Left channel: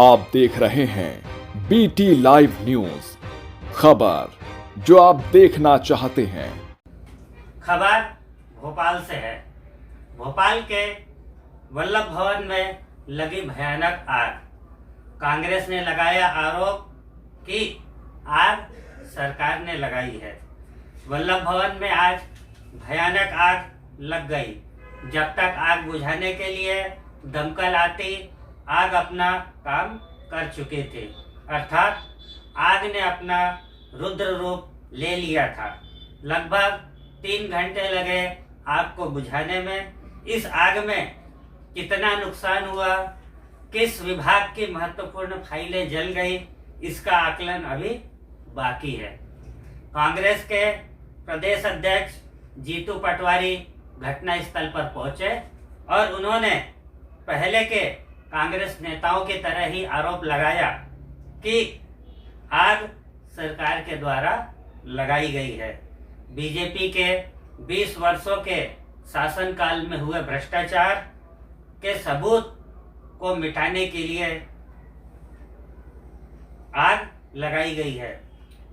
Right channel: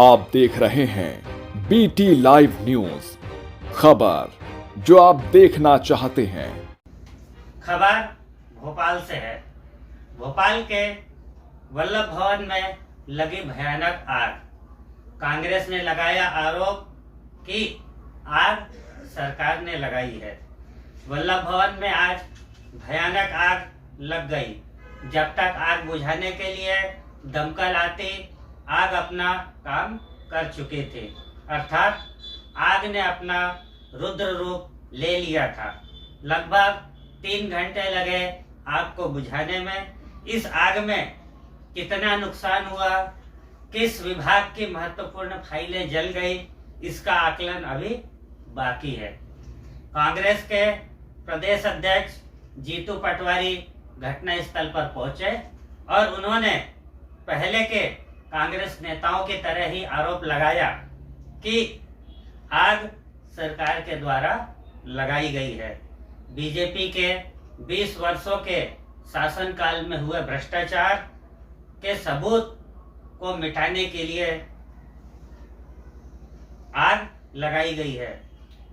आप देख रहे हैं बीटी लाइव न्यूज, खबर जो आप देखना चाहते हैं। खबर भोपाल से है। भोपाल के वल्लभ भवन में लगी भयानक आग। कांग्रेस ने लगाया आरोप कि आग सरकार ने लगाई है। वल्लभ भवन में आज भयानक आग लग गई। जब तक आग बुझाने के लिए दमकल आती, आग अपना काम कर चुके थे, अर्थात आग ने अपना रुद्र रूप ले लिया था। लगभग 3 घंटे लगे आग को बुझाने में। इस आग में कितना नुकसान हुआ, किस विभाग की महत्वपूर्ण फाइलें जल गई, इसका आकलन अभी बाकी है। कांग्रेस के प्रदेश अध्यक्ष जीतू पटवारी घटनास्थल पर पहुंचे और उन्होंने पहले के कांग्रेस नेताओं की तरह ही आरोप लगाया कि आग सरकार के द्वारा लगाई गई है। बीजेपी के 20 वर्षों के शासनकाल में हुए भ्रष्टाचार के सबूत को मिटाने के लिए आग लगाई गई है।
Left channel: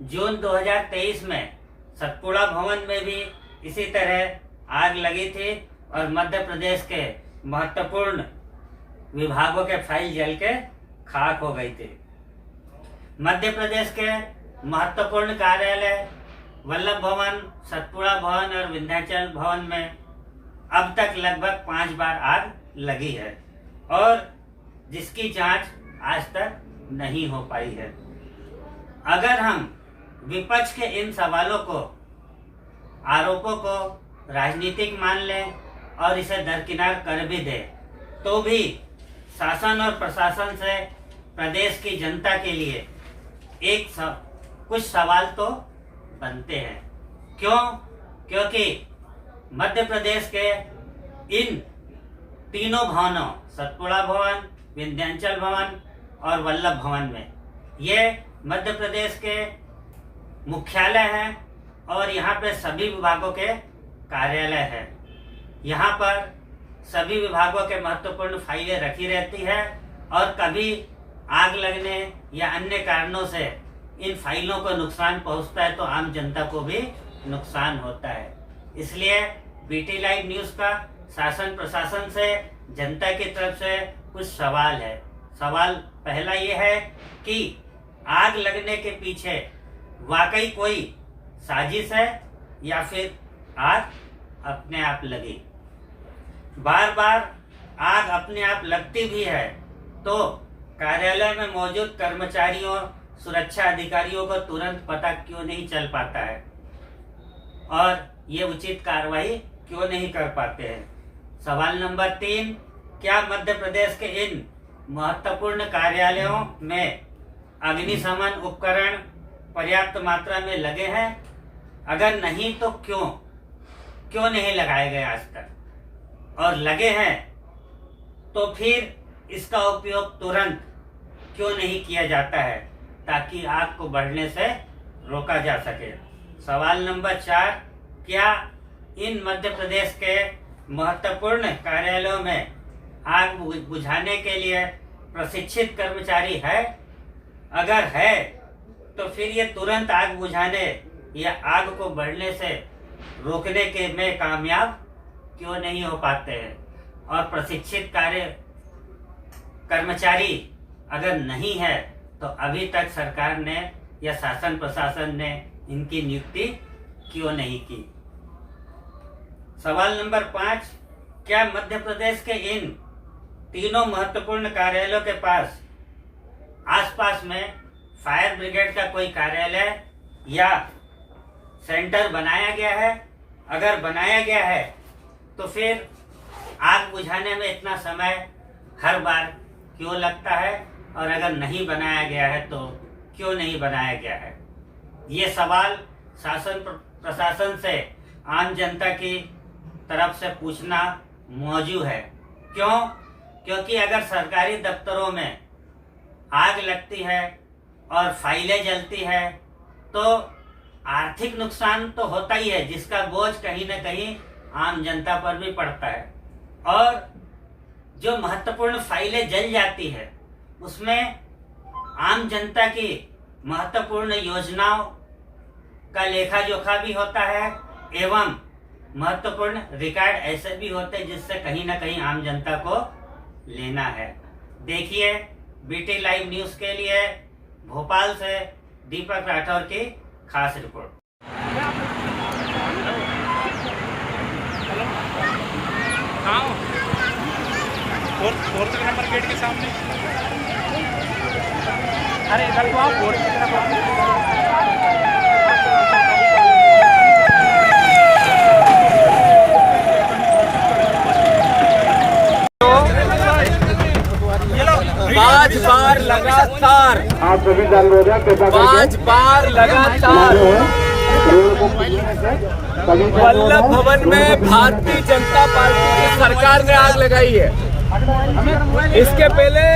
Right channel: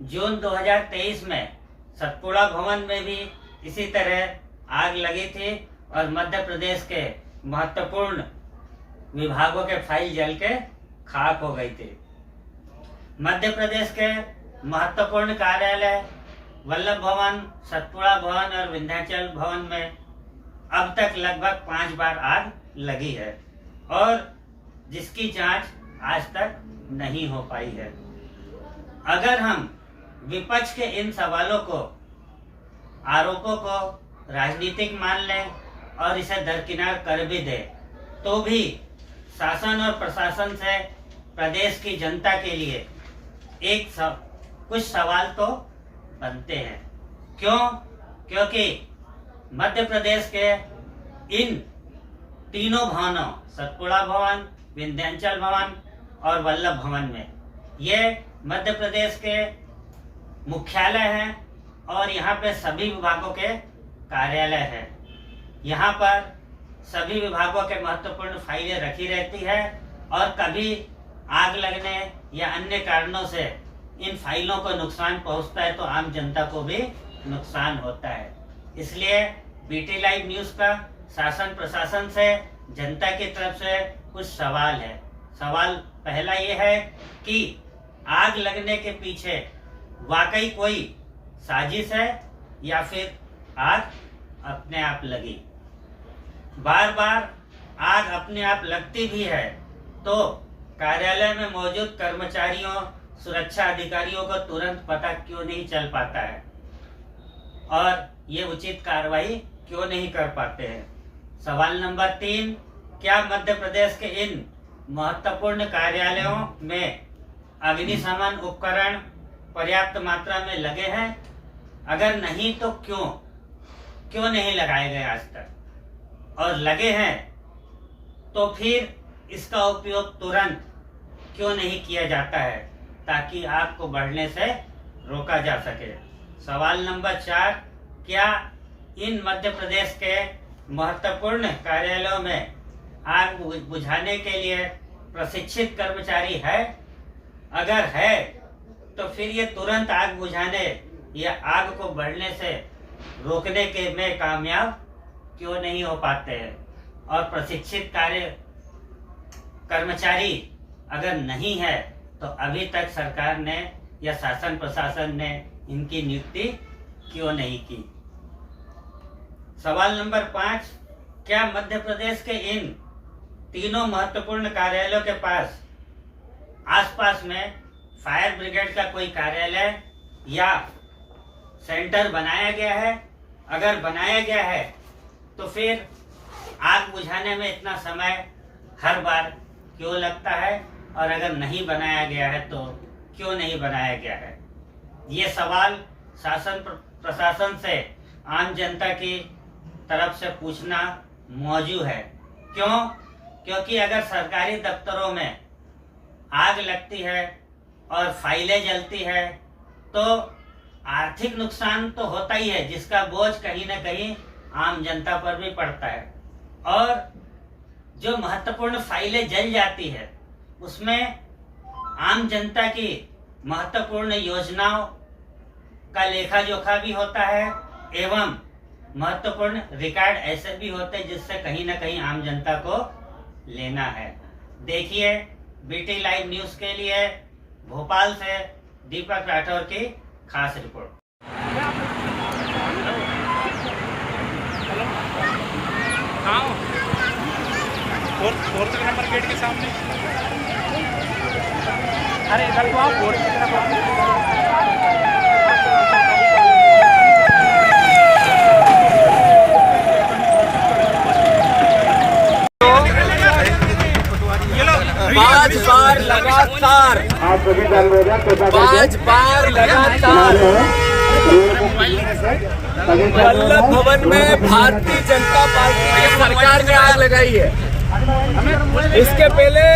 जून 2023 में सतपुड़ा भवन में भी इसी तरह आग लगी थी और मध्य प्रदेश के महत्वपूर्ण विभागों के फाइल जल के खाक हो गई थी। मध्य प्रदेश के महत्वपूर्ण कार्यालय वल्लभ भवन, सतपुड़ा भवन और विंध्याचल भवन में अब तक लगभग 5 बार आग लगी है और जिसकी जांच आज तक नहीं हो पाई है। अगर हम विपक्ष के इन सवालों को, आरोपों को राजनीतिक मान लें और इसे दरकिनार कर भी दें, तो भी शासन और प्रशासन से प्रदेश की जनता के लिए कुछ सवाल तो बनते हैं। क्यों? क्योंकि मध्य प्रदेश के इन तीनों भवनों, सतपुड़ा भवन, विंध्याचल भवन और वल्लभ भवन में, ये मध्य प्रदेश के मुख्यालय हैं और यहाँ पे सभी विभागों के कार्यालय हैं। यहाँ पर सभी विभागों के महत्वपूर्ण फाइलें रखी रहती है और कभी आग लगने या अन्य कारणों से इन फाइलों को नुकसान पहुंचता है तो आम जनता को भी नुकसान होता है। इसलिए बीटी लाइव न्यूज का शासन प्रशासन से, जनता की तरफ से कुछ सवाल है। सवाल पहला ये है कि आग लगने के पीछे वाकई कोई साजिश है या फिर आग अपने आप लगी। बार बार आग अपने आप लगती भी है तो कार्यालय में मौजूद कर्मचारियों, सुरक्षा अधिकारियों को तुरंत पता क्यों नहीं चल पाता है और ये उचित कार्रवाई क्यों नहीं कर पाते हैं। सवाल नंबर 3, क्या मध्य प्रदेश के इन महत्वपूर्ण कार्यालयों में अग्निशमन उपकरण पर्याप्त मात्रा में लगे हैं? अगर नहीं तो क्यों नहीं लगाए गए आज तक? और लगे हैं तो फिर इसका उपयोग तुरंत क्यों नहीं किया जाता है ताकि आग को बढ़ने से रोका जा सके। सवाल नंबर 4, क्या इन मध्य प्रदेश के महत्वपूर्ण कार्यालयों में आग बुझाने के लिए प्रशिक्षित कर्मचारी है? अगर है तो फिर ये तुरंत आग बुझाने या आग को बढ़ने से रोकने के में कामयाब क्यों नहीं हो पाते हैं? और प्रशिक्षित कर्मचारी अगर नहीं है तो अभी तक सरकार ने या शासन प्रशासन ने इनकी नियुक्ति क्यों नहीं की? सवाल नंबर 5, क्या मध्य प्रदेश के इन तीनों महत्वपूर्ण कार्यालयों के पास आसपास में फायर ब्रिगेड का कोई कार्यालय या सेंटर बनाया गया है? अगर बनाया गया है तो फिर आग बुझाने में इतना समय हर बार क्यों लगता है और अगर नहीं बनाया गया है तो क्यों नहीं बनाया गया है? ये सवाल शासन प्रशासन से आम जनता की तरफ से पूछना मौजूद है। क्यों? क्योंकि अगर सरकारी दफ्तरों में आग लगती है और फाइलें जलती है तो आर्थिक नुकसान तो होता ही है, जिसका बोझ कहीं ना कहीं आम जनता पर भी पड़ता है। और जो महत्वपूर्ण फाइलें जल जाती है उसमें आम जनता की महत्वपूर्ण योजनाओं का लेखा जोखा भी होता है एवं महत्वपूर्ण रिकॉर्ड ऐसे भी होते हैं जिससे कहीं ना कहीं आम जनता को लेना है। देखिए बीटी लाइव न्यूज के लिए भोपाल से दीपक राठौर की खास रिपोर्ट। फोर्थ नंबर गेट के सामने। अरे इधर को आप फोर्थ की तरफ पांच बार लगातार वल्लभ भवन में भारतीय जनता पार्टी की सरकार ने आग लगाई है। इसके पहले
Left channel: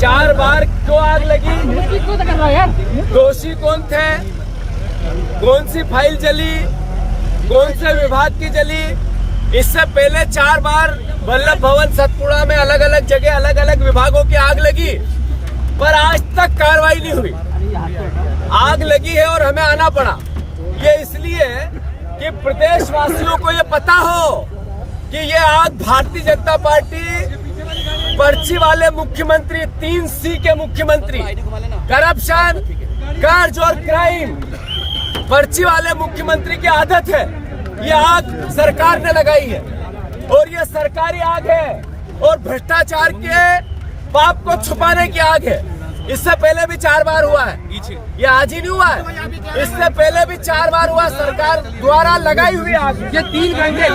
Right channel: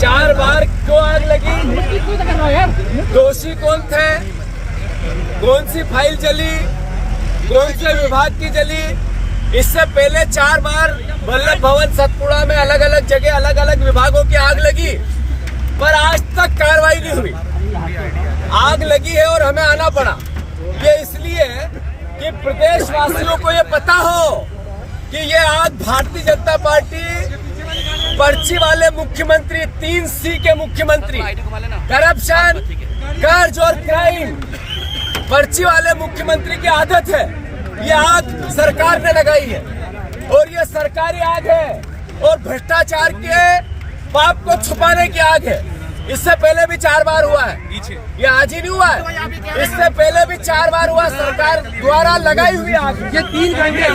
4 बार क्यों आग लगी? दोषी कौन थे? कौन सी फाइल जली? कौन से विभाग की जली? इससे पहले 4 बार वल्लभ भवन सतपुड़ा में अलग अलग जगह अलग अलग विभागों की आग लगी, पर आज तक कार्रवाई नहीं हुई। आग लगी है और हमें आना पड़ा। ये इसलिए कि प्रदेशवासियों को ये पता हो कि ये आग भारतीय जनता पार्टी पर्ची वाले मुख्यमंत्री, 3C के मुख्यमंत्री, करप्शन, कर्ज और क्राइम, पर्ची वाले मुख्यमंत्री की आदत है। ये आग सरकार ने लगाई है और ये सरकारी आग है और भ्रष्टाचार के पाप को छुपाने की आग है। इससे पहले भी 4 बार हुआ है, ये आज ही नहीं हुआ है। इससे पहले भी 4 बार हुआ सरकार द्वारा लगाई हुई आग। ये 3 घंटे